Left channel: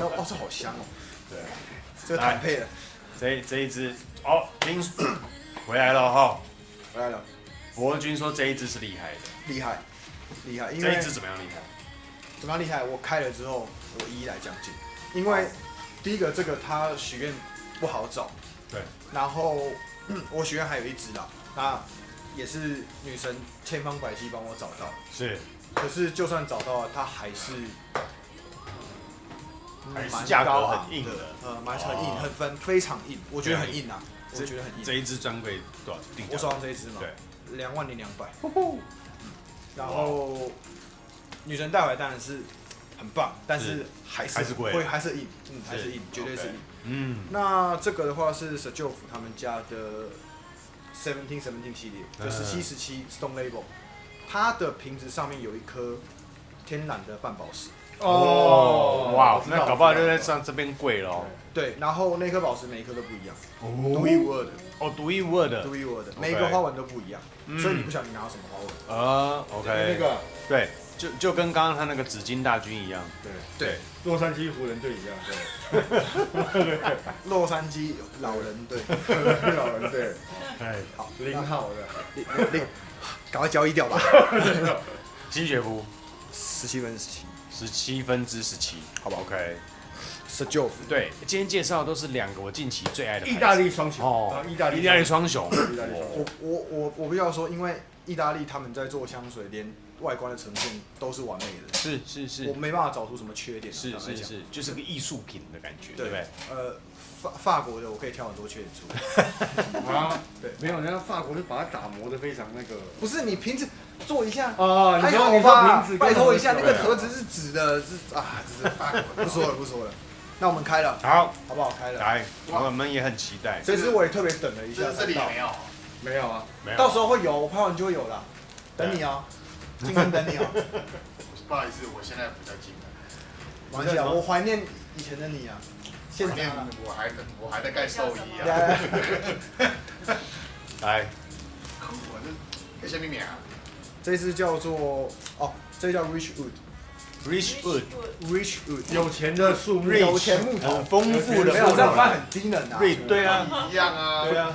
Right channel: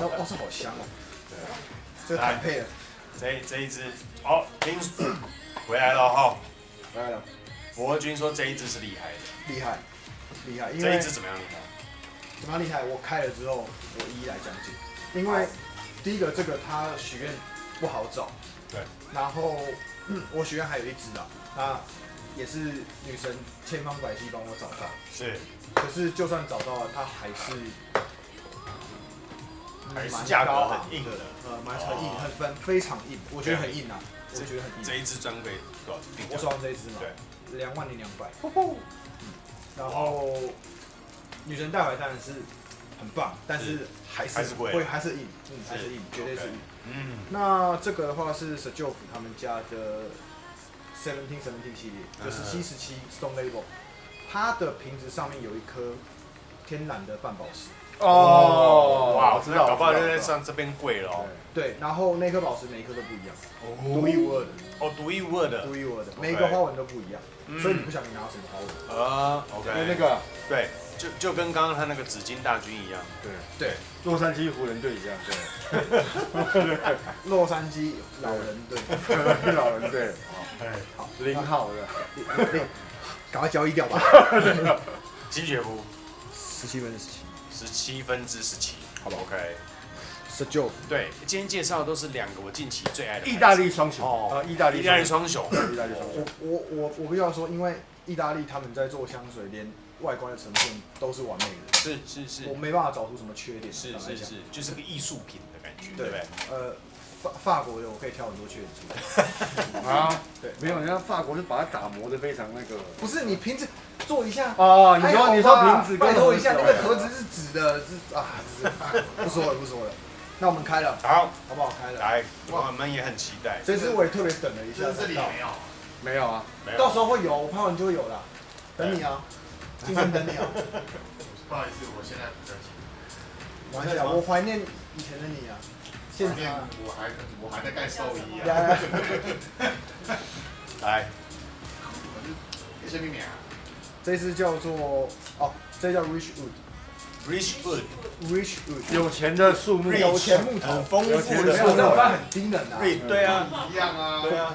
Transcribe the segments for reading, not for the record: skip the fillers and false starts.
那哦，这好香哦。对啊，这个坦配的。这一支哦，回来了哈，回来了。博君说这一支是厉害，厉害，厉害，因这为一支怎么样厉害？怎么样厉害？我开了之后，我一一来讲解。因为第一个，这个它许愿不好找，对，然后我许愿还有一支啦，那也是女神千方百计帮我找到，是，可是就算找到了，它还是蛮加高昂硬的，蛮很硬，非常硬，我觉得很硬啊，我觉得很硬。这一支专柜多少？我手上这一支嘛，20,200。然后女神带回来当然是很棒，但是还是硬，还是硬，绝对是硬。那这个的话是 Sejof 他们家的17系列，就17Stone Label， 它的瓶子上面有一颗天然的半宝石。哦，哇，我知道，上这边贵了。对，然后那颗宝石每一颗都不一样，独一无二的。哦，独一无二的，独一无二的，每一个花纹都不一样，所以你不晓得你拿到什么花纹啊？跟那个对，就跟刚刚他那个紫金大军一样。对，洛杉矶湖人队一样，对，洛杉矶老人队，老人队，好0号的，赶快交易掉吧。金雪湖17分之17， 17分之17，好不好 ？OK。Sejof， 对，今天介绍的都是2个我近期最爱的意大利双雄意大利双雄。我必须要说，因为意大利他们在做香水，连外观的呈现都是完美的，是，我没办法找出什么缺点。坦白讲，就是个艺术品的感觉。对，法国的我可以挑很多缺点出来。啊，对，没有，人家法国是把它打磨的非常那个。不是你瓶子做一下哦，你说瓶子，拜托一下，那个盒子是纸的，不说了。那我们开了，好不好？开了，来，我们也很期待。这支我也特别等了一下才到，没有啊，到时候会有，我拍完就会有了，等你啊，金亨等你啊。不好意思，我现在比较紧。没关系啊，我怀念以前的你啊。现在我还在盖寿衣啊。来，有些秘密啊。这支叫做这叫 Rich Wood， 有钱的树木，有钱木头，有钱没有这样翻很低能啊。对啊，一样啊。对啊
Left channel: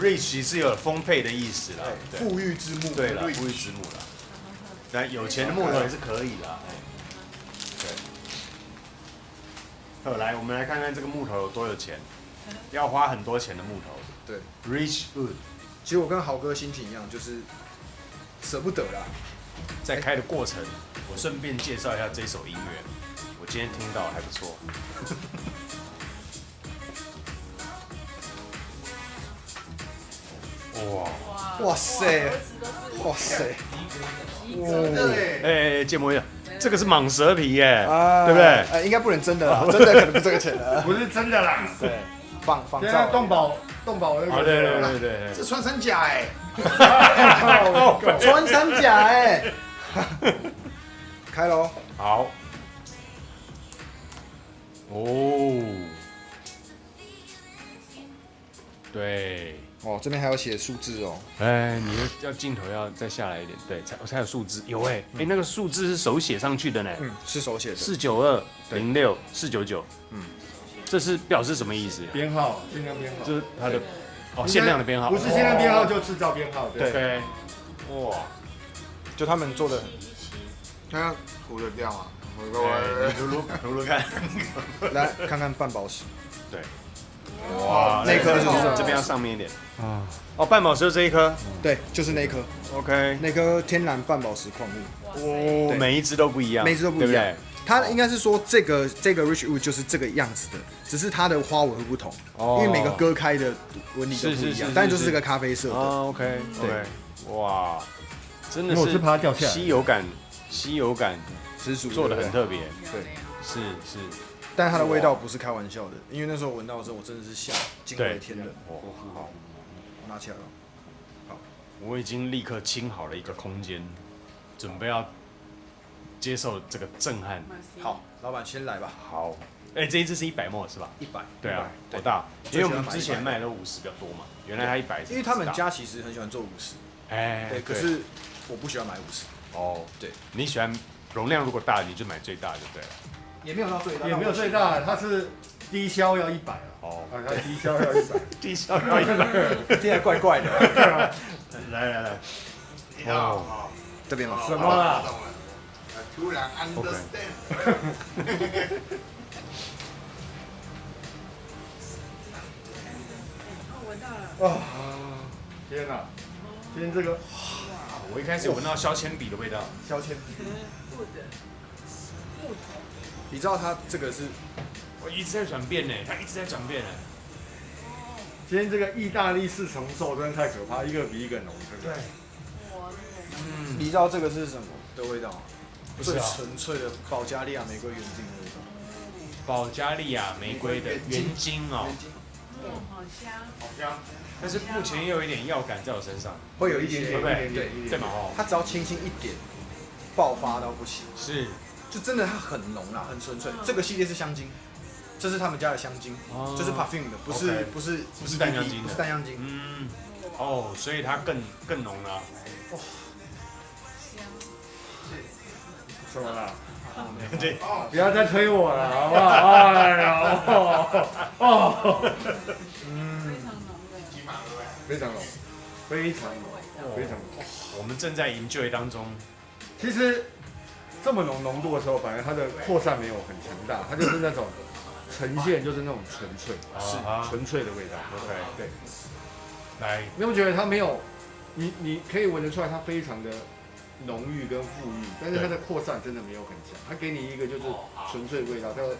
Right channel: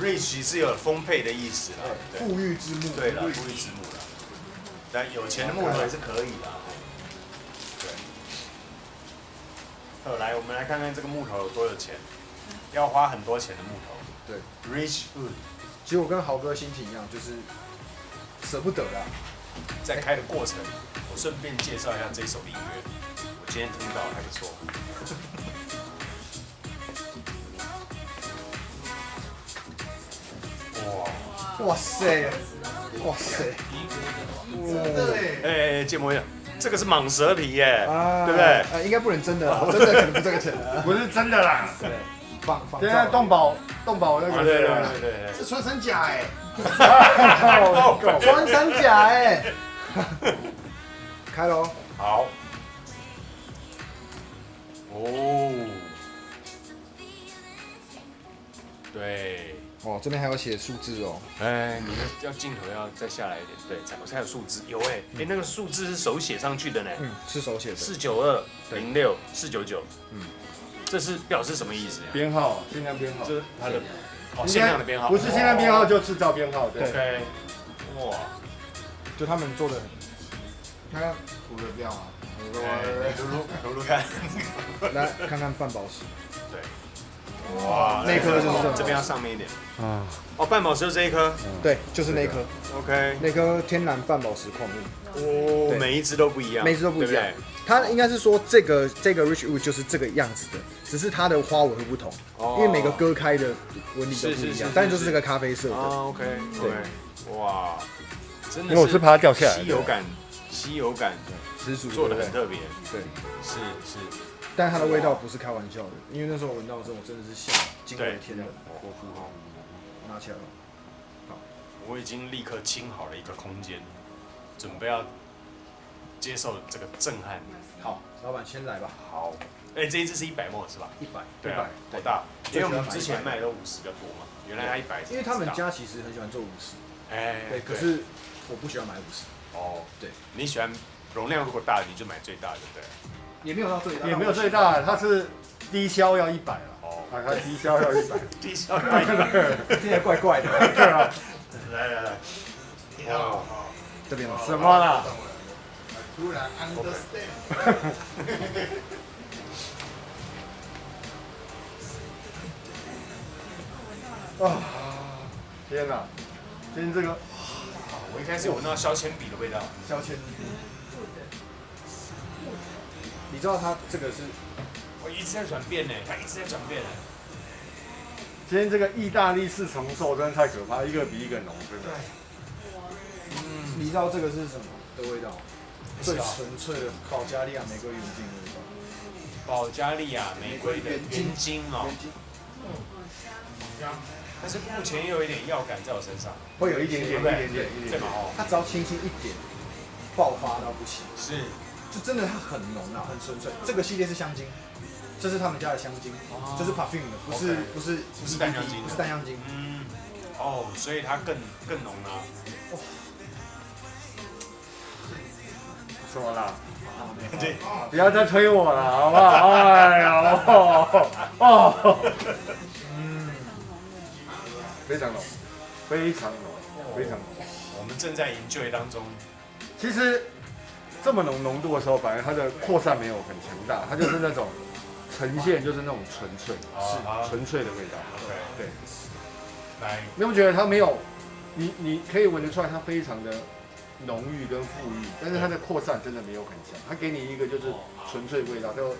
，Rich 是有丰沛的意思，对，富裕之木，对，Rich。那有钱木头还是可以的。来，我们来看看这个木头有多有钱，要花很多钱的木头。对 ，Rich Wood。其实我跟豪哥心情一样，就是舍不得啦。在开的过程，我顺便介绍一下这首音乐，我今天听到还不错。哇塞，哇塞！真的嘞！芥末叶，这个是蟒蛇皮耶，对，应该不能真的啦，真的可能不这个钱了。不是真的啦。对，仿照。现在动保那个对啊，对，这穿山甲哎，穿山甲哎，开喽。好。哦。对。哦，这边还有写数字哦。你要镜头要再下来一点，对，才有数字。有那个数字是手写上去的呢。是手写的。49206，499。这是表示什么意思？编号，限量编号。对。应该不是限量编号，就制造编号。对。哇，就他们做的，看看我的料啊，我看，来看看半宝石。哇，那颗就是这边上面一点。啊，半宝石这一颗。对，就是那颗。 OK。那颗天然半宝石矿物。对，每一只都不一样。每一只都不一样。它应该是说这个 Rich Wood 就是这个样子的，只是它的花纹会不同，因为每个割开的纹理都不一样，但就是这个咖啡色的。OK。对。哇，因为我是怕它掉下来的。稀有感，十足，对不对？特别。对，是。但它的味道不是开玩笑的，因为那时候闻到的时候，我真的是吓，惊为天人。我拿起来了。好，我已经立刻清好了一个空间，准备要接受这个震撼。好，老板先来吧。好，这一支是100毫升是吧？100，对，大。最喜欢买100，卖都50的多嘛，原来100。因为他们家其实很喜欢做50，对，可是我不喜欢买50。哦，对，你喜欢容量如果大，你就买最大的，对。也没有到最大，也没有最大，它是低消要100了。啊，它低消要100，听起来怪怪的。来，这边吗？什么啦？突然 understand。哦，天哪！今天这个，我一开始闻到削铅笔的味道，削铅笔。你知道它这个是？我一直在转变呢，它一直在转变呢。今天这个意大利4重奏真的太可怕，一个比一个浓，真的。你知道这个是什么的味道吗？最纯粹的保加利亚玫瑰原精的味道。保加利亚玫瑰原精哦，原精。好香。但是目前又有一点药感在我身上，会有一点点。它只要轻轻一点，爆发到不行。是，就真的它很浓啦，很纯粹。这个系列是香精，这是他们家的香精，就是 perfume 的，不是 EDP， 不是淡香精。所以它更浓了。哇，什么啦？没有，不要再推我了，好不好？哎呀，非常浓，非常浓。我们正在enjoy当中。其实这么浓度的时候，反而它的扩散没有很强大，它就是那种呈现就是那种纯粹，是纯粹的味道。对。来，你有没有觉得它没有？你可以闻得出来，它非常的浓郁跟馥郁，但是它的扩散真的没有很强。它给你一个就是纯粹味道，就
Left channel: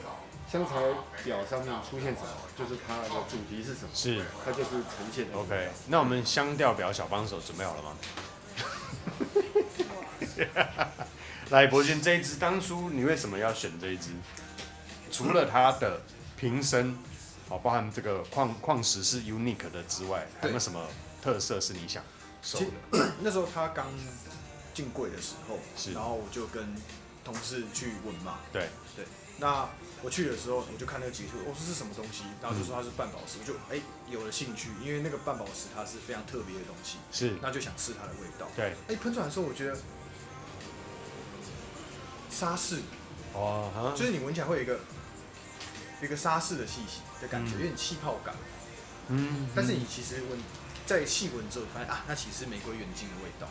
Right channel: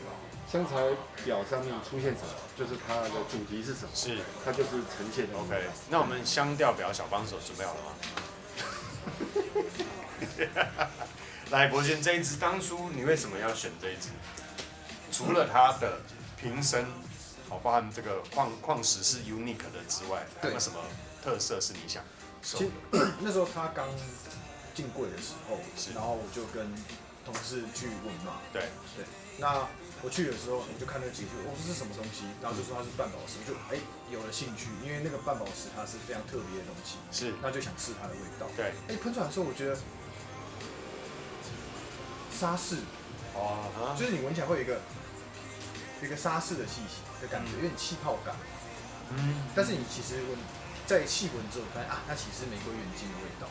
香材表上面出现什么，就是它的主题是什么，是它就是呈现那个味道。那我们香调表小帮手准备好了吗？来，博轩，这一支当初你为什么要选这一支？除了它的瓶身，包含这个矿石是 unique 的之外，有没有什么特色是你想？其实那时候他刚进柜的时候，然后我就跟同事去闻嘛。对。那我去的时候，我就看那个解析，我说是什么东西，然后就说它是半宝石，我就有了兴趣，因为那个半宝石它是非常特别的东西，是，那就想试它的味道。对。喷出来的时候，我觉得沙士，就是你闻起来会有一个沙士的气息的感觉，有点气泡感。但是你其实在细闻之后，发现那其实是玫瑰原精的味道。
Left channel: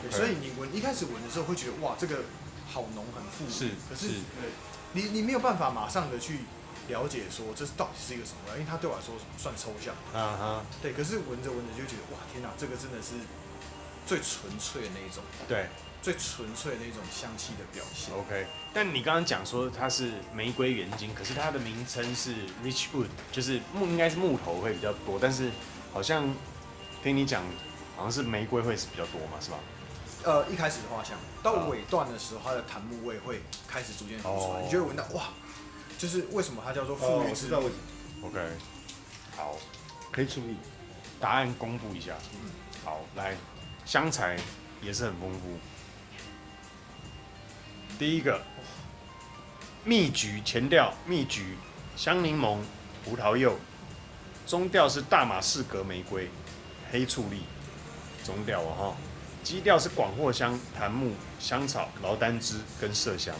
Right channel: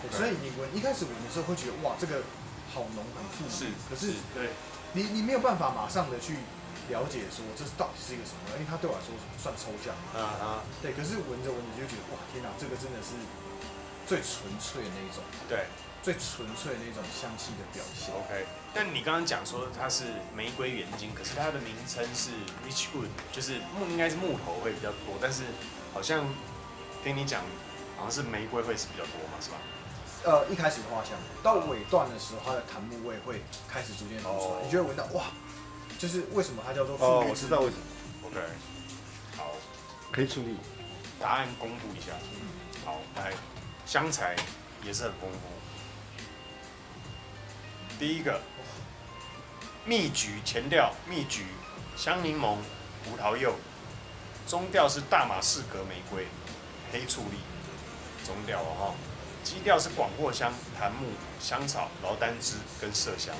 对，所以你一开始闻的时候会觉得哇，这个好浓很馥郁，可是你没有办法马上的去了解说这到底是一个什么味道，因为它对我来说算抽象。对，可是闻着闻着就会觉得哇，天哪，这个真的是最纯粹的那一种。对。最纯粹的那种香气的表现。OK， 但你刚刚讲说它是玫瑰原精，可是它的名称是 Rich Wood， 就是应该是木头会比较多，但是好像跟你讲，好像是玫瑰会是比较多嘛，是吧？一开始的花香，到尾段的时候，它的檀木味会开始逐渐浮出来，你就会闻到哇，就是为什么它叫做馥郁？我知道为什么。OK， 好，可以处理。答案公布一下。好，来，香材也是很丰富。第一个，蜜橘前调，蜜橘、香柠檬、葡萄柚，中调是大马士革玫瑰、黑醋栗，中调哦哈。基调是广藿香、檀木、香草、劳丹枝跟麝香。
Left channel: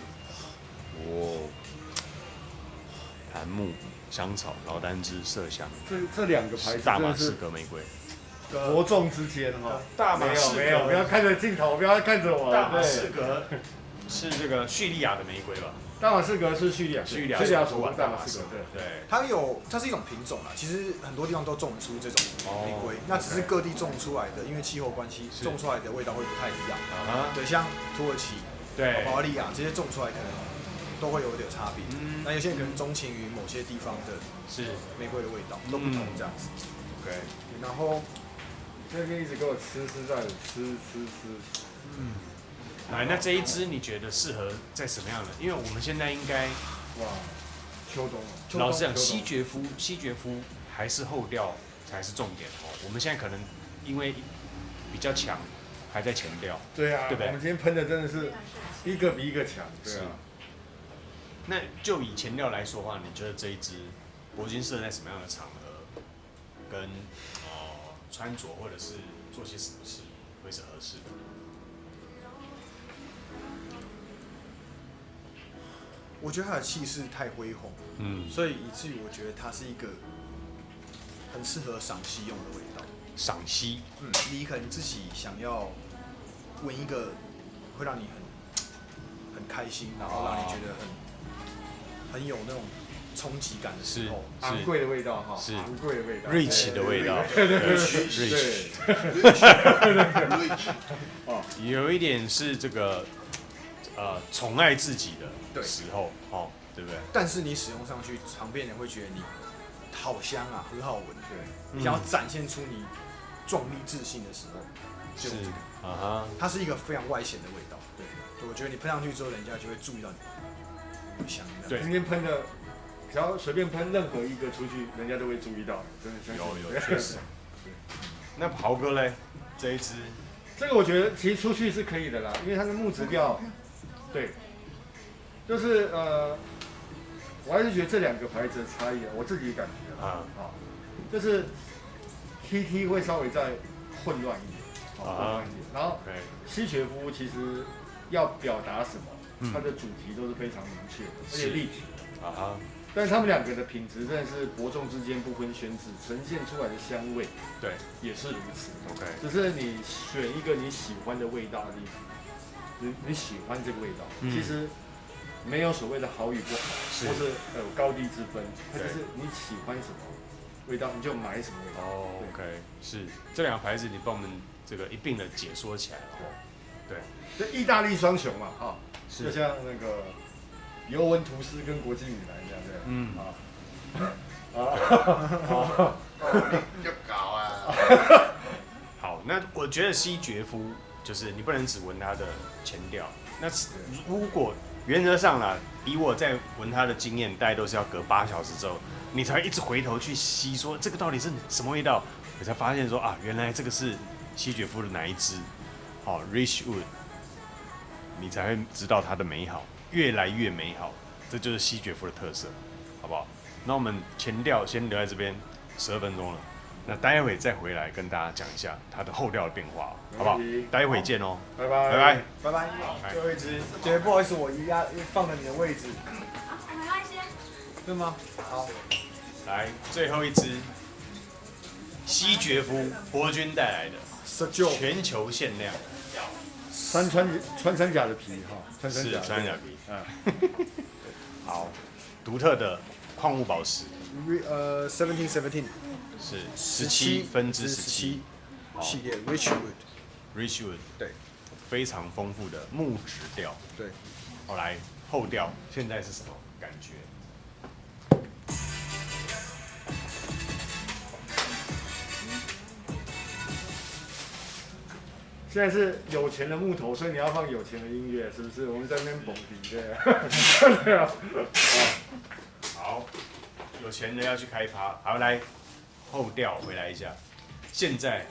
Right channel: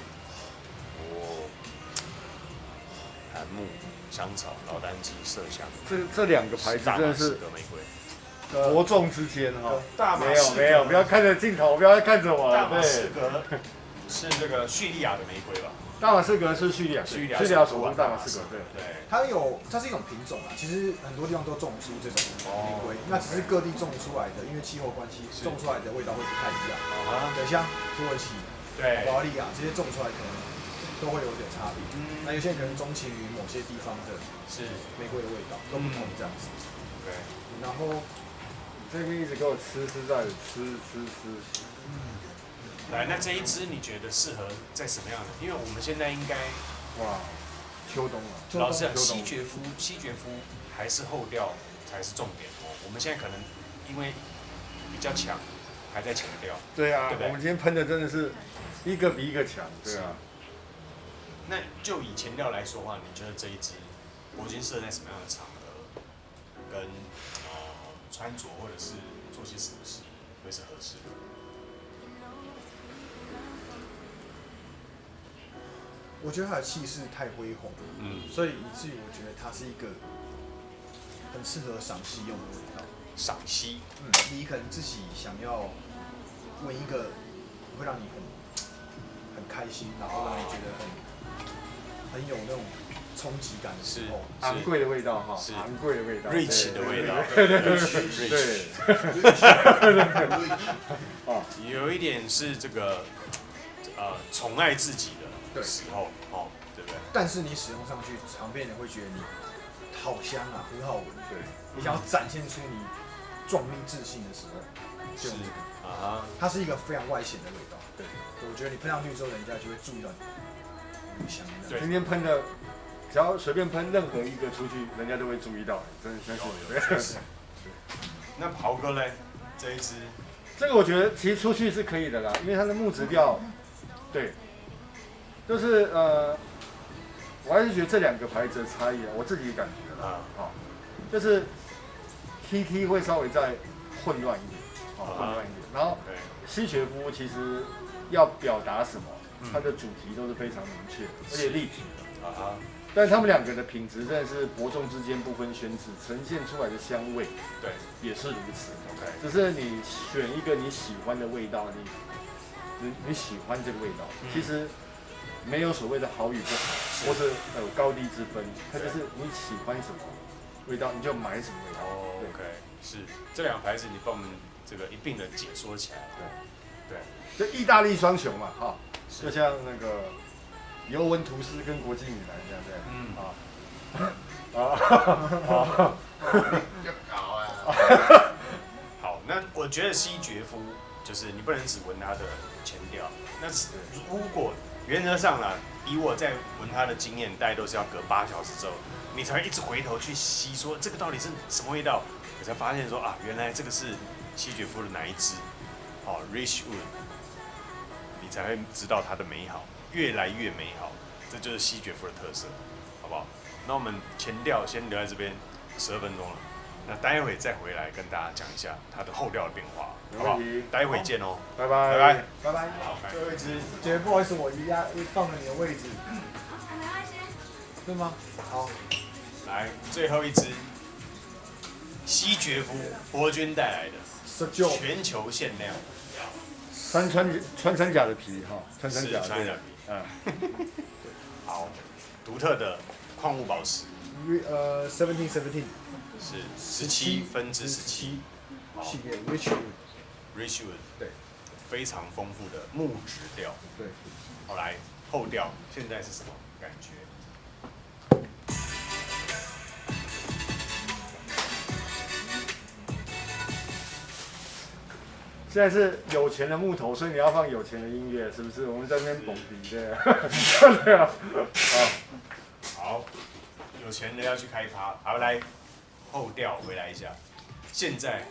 檀木、香草、劳丹枝、麝香。这两个牌子真的是伯仲之间哈。没有，不要看着镜头，不要看着我。大马士革是这个叙利亚的玫瑰吧？大马士革是叙利亚首都大马士革，对。它是一种品种啦，其实很多地方都种得出这种玫瑰，那只是各地种出来的，因为气候关系，种出来的味道会不太一样。对，像土耳其、保加利亚这些种出来可能都会有点差别。那有些人可能钟情于某些地方的玫瑰的味道，都不同这样子。对，然后这边一直给我吃在吃。来，那这一支你觉得适合在什么样的？因为我们现在应该秋冬了，西决肤还是后调才是重点哦。我们现在可能因为比较强，还在前调。对啊，我们今天喷的真的是一个比一个强，对啊。那就以前调来说的话，你觉得这一支铂金适合在什么样的场合跟穿着或者是做些什么事会是合适的？我觉得它的气势太恢宏，所以以至于我觉得它是一个很适合赏析用的味道。赏析，你可能自己想要闻一个会让你很开心，然后让你觉得很有那种冲击感的时候，昂贵的味道哈，昂贵的味道，瑞奇的味道，对，哦，有一点是这个宠爱自己的时候，哦，对不对？但是你使用上去，旁边人会觉得你好香啊，很好闻。对，你想要展现出你壮丽自信的时候，就用这个。它是一个非常外显的味道。对，我觉得你喷上去之后，人家就会注意到你香的。今天喷的，只要随便喷任何一个出去，人家都会注意到。真的相信我。对。那豪哥嘞，这一支，这个我觉得其实出去是可以的啦，因为它的木质调，对，就是我还是觉得这两个牌子的差异啊，我自己感觉啦，就是 TT 会稍微再混乱一点，混乱一点。然后西决夫其实要表达什么，它的主题都是非常明确的，而且立体的。但是他们两个的品质真的是伯仲之间不分轩轾，呈现出来的香味，对，也是如此。只是你选一个你喜欢的味道，你喜欢这个味道，其实没有所谓的好与不好，或是有高低之分，它就是你喜欢什么味道，你就买什么味道。对，是这两个牌子，你帮我们这个一并的解说起来。对，就意大利双雄嘛，哈，就像那个尤文图斯跟国际米兰这样，对，要搞啊！好，那我觉得西决夫就是你不能只闻它的前调，那如果原则上啊，以我在闻它的经验，大概都是要隔8小时之后，你才一直回头去吸，说这个到底是什么味道，你才发现说啊，原来这个是西决夫的哪一支，Richwood， 你才会知道它的美好，越来越美好，这就是西决夫的特色，好不好？那我们前调先留在这边12分钟了，那待会再回来跟大家讲一下它的后调的变化，没问题，待会见哦，拜拜，拜拜。最后一支，姐不好意思，我放了你的位置。没关系。对吗？好，来最后一支西决夫伯君带来的全球限量穿山甲的皮哈，穿山甲对，对，好，独特的矿物宝石17系列 Richwood， 对，非常丰富的木质调，对，好来后调现在是什么感觉？现在是有钱的木头，所以你要放有钱的音乐，是不是？我们在那边蹦迪，对，对啊，好，有钱人要去开趴，好来后调回来一下，现在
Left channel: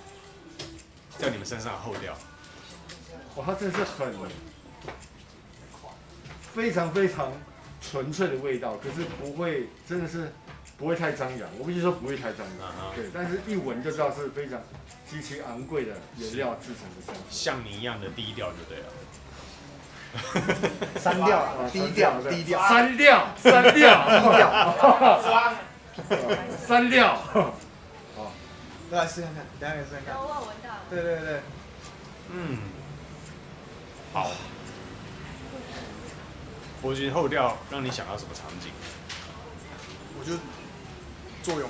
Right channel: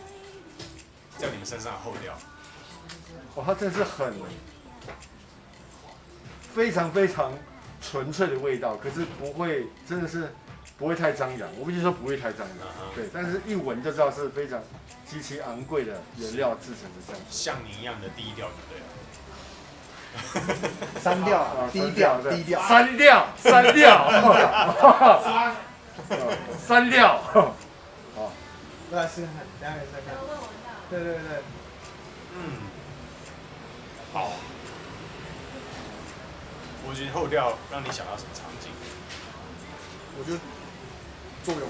在你们身上的后调，哇，它真的是非常非常纯粹的味道，可是不会，真的是不会太张扬。我必须说不会太张扬，对，但是一闻就知道是非常极其昂贵的原料制成的香水，像你一样的低调，对不对？三调啊，低调，三调，低调。三调，好，再来试看看，等下给你试看看。我有闻到了。对对对，伯君后调让你想到什么场景？我就作用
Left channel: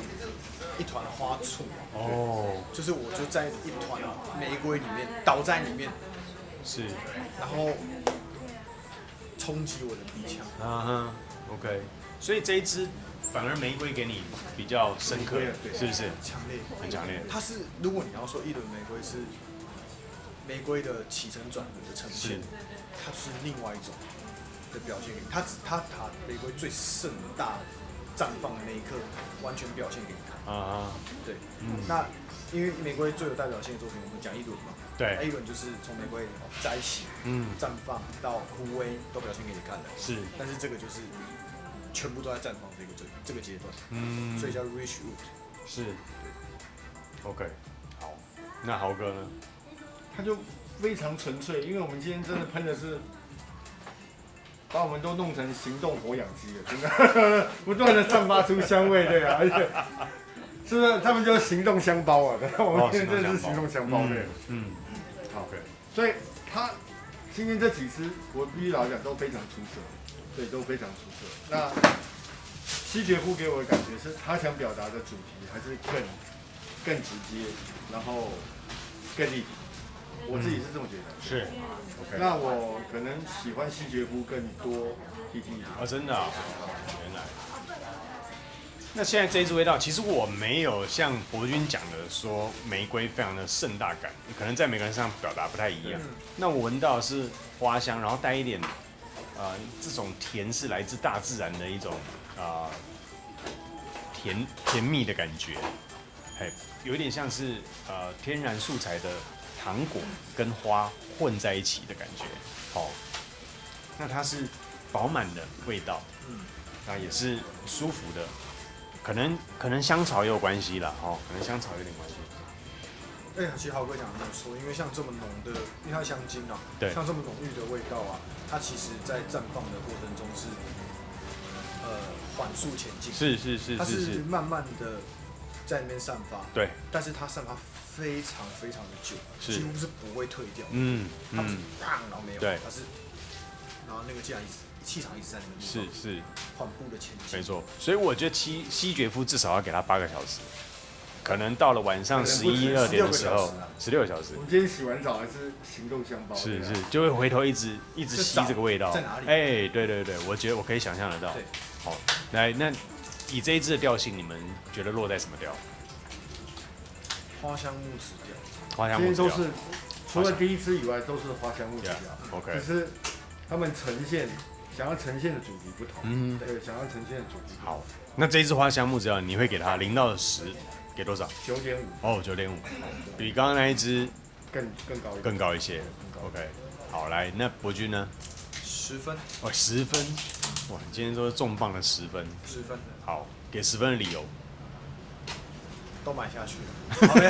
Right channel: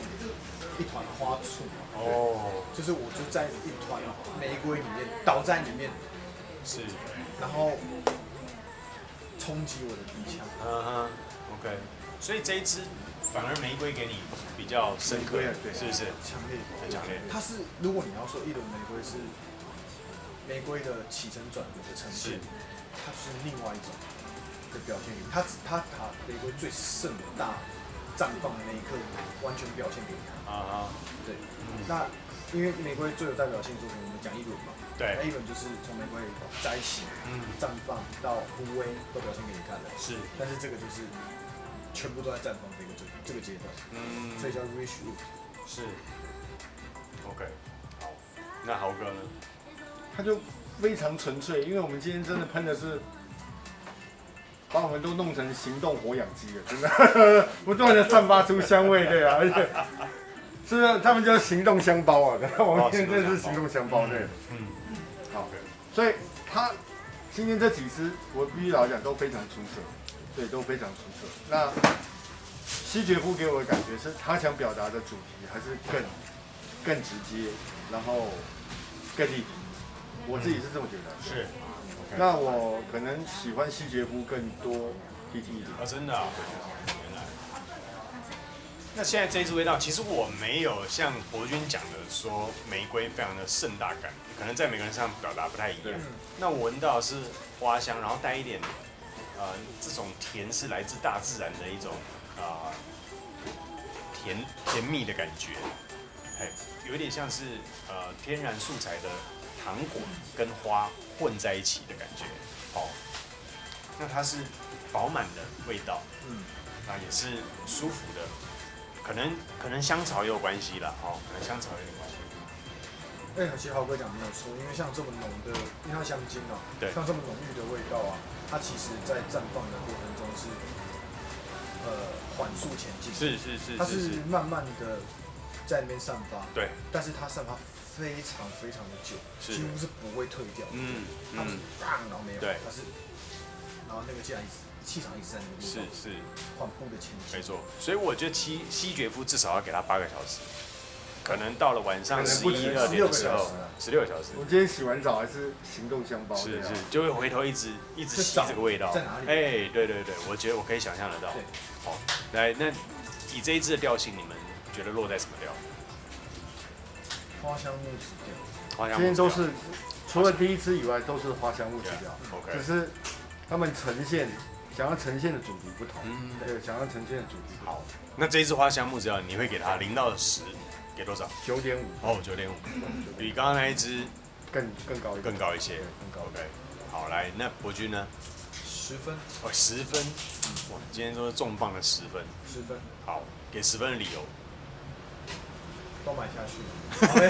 一团花簇哦，就是我就在一团玫瑰里面倒在里面，是，然后冲击我的鼻腔。OK， 所以这一支反而玫瑰给你比较深刻，对，是不是？强烈。它是如果你要说一轮玫瑰是玫瑰的起承转合的呈现，它是另外一种的表现给你。它玫瑰最盛大绽放的那一刻，完全表现给你看。对，那因为玫瑰最有代表性的作品，我们讲一轮嘛。对，那一轮就是从玫瑰摘起、绽放到枯萎，都表现给你看的。是，但是这个就是全部都在绽放这个阶段，所以叫 Richwood。是，对。OK， 好，那豪哥呢？它就非常纯粹，因为我们今天真的喷的是把我们都弄成行动活氧机了，真的，不断的散发出香味，对啊，而且是不是他们就是行动香包啊？我们现在真的是行动香包，对，好，所以他今天这几支，我必须老实讲都非常出色，对，都非常出色。那西决夫给我的感觉是他想表达的主题还是更直接，然后更立体，我自己是这么觉得，是。那我可能喜欢西决夫更多 TT 一点。真的啊。那现在这一支味道，其实我没有像博君讲的说玫瑰非常的盛大感，可能在每个人身上表达不太一样。那我闻到是花香，然后带一点这种甜是来自大自然的一种甜蜜的感觉，有点像是天然素材的糖果跟花混在一起的感觉。那它是饱满的味道，也是舒服的。可能香草也有关系啦，可能香草也有关系。其实豪哥讲的没有错，因为像这么浓的，因为它香精啊，像这么浓郁的味道啊，它其实在绽放的过程中是缓速前进，它是慢慢的在那边散发，对，但是它散发非常非常的久，几乎是不会退掉的，它不是砰然后没有，它是，然后那个气场一直在那个地方，是缓步的前进，没错。所以我觉得西决夫至少要给他8个小时，可能到了晚上可能不止16个小时啊，16个小时。我今天洗完澡还是行动香包，对啊，就会回头一直就找这个味道在哪里？对，我觉得我可以想象得到。对，那以这一支的调性，你们觉得落在什么调？花香木质调。今天都是除了第一支以外都是花香木质调，只是他们想要呈现的主题不同，对，想要呈现的主题不同。那这一支花香木质调，你会给它0到10，给多少？9.5。9.5。比刚刚那一支更高一点，更高一些，更高一点。好，来，那博君呢？10分。10分。哇，你今天都重磅的10分。10分。好，给10分的理由。都买下去了。好嘞。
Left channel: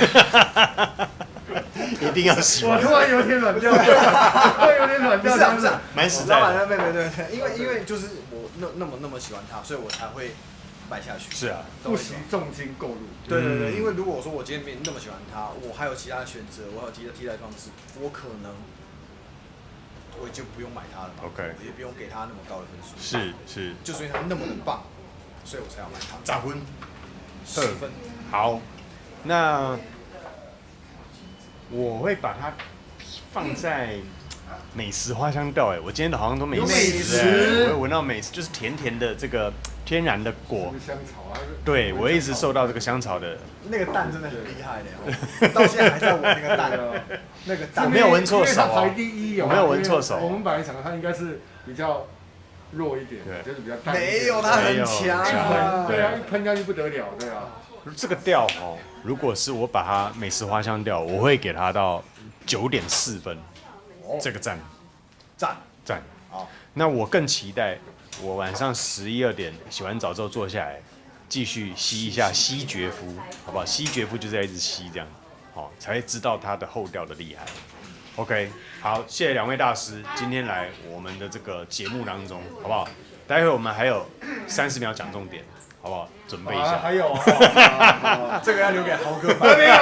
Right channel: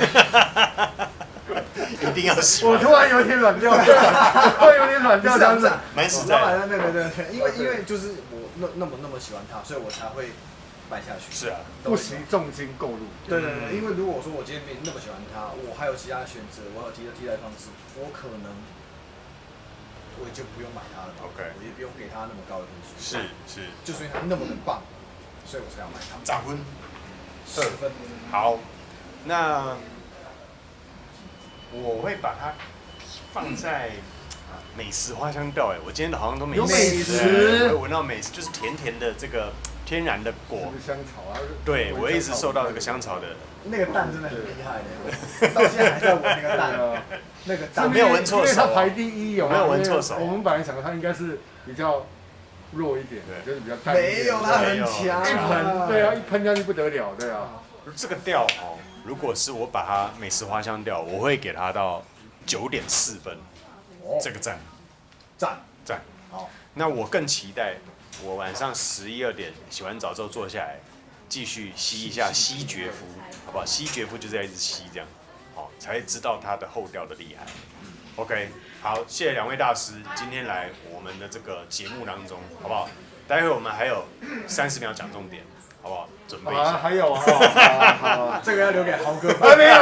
我突然有点软掉，突然有点软掉，这样子。没事，老板，没，因为就是我那么喜欢它，所以我才会买下去。是啊，不惜重金购入。对，因为如果我说我今天没那么喜欢它，我还有其他选择，我还有替代方式，我可能我就不用买它了嘛，我也不用给它那么高的分数。是，就是因为它那么的棒，所以我才要买它。咋分？10分。好，那我会把它放在美食花香调。我今天好像都有美食，闻到美食就是甜甜的这个天然的果，是不是香草啊？对，我一直受到这个香草的。那个蛋真的很厉害的，我到现在还在闻那个蛋。那个蛋，因为它排第1有吗？因为我们本来想它应该是比较弱一点的，就是比较淡一点。没有，它很强。一喷，对啊，一喷下去不得了，对啊。这个调如果是我把它美食花香调，我会给它到9.4分。这个赞。好，那我更期待我晚上11、12点洗完澡之后坐下来，继续吸一下西决夫，好不好？西决夫就在一直吸这样，好，才知道它的后调的厉害。OK， 好，谢谢2位大师今天来我们的这个节目当中，好不好？待会我们还有30秒讲重点，好不好？还有好，这个要留给豪哥。没有，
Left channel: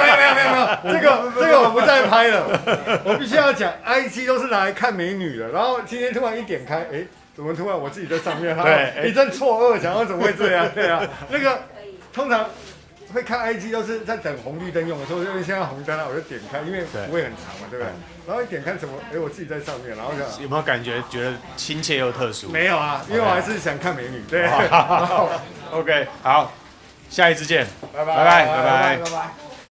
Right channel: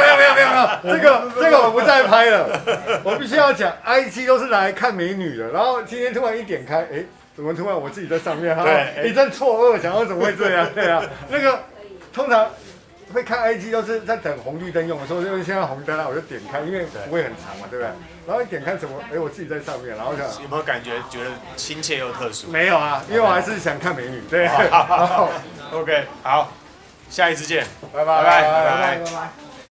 这个我不再拍了。我必须要讲 ，IG 都是拿来看美女的，然后今天突然一点开，怎么突然我自己在上面？然后一阵错愕，想要怎么会这样？对啊，那个通常会看 IG 都是在等红绿灯用的时候，因为现在红灯了，我就点开，因为不会很长嘛，对不对？然后一点开什么？我自己在上面，然后想有没有感觉亲切又特殊？没有啊，因为我还是想看美女，对。OK， 好，下一次见，拜拜。拜拜。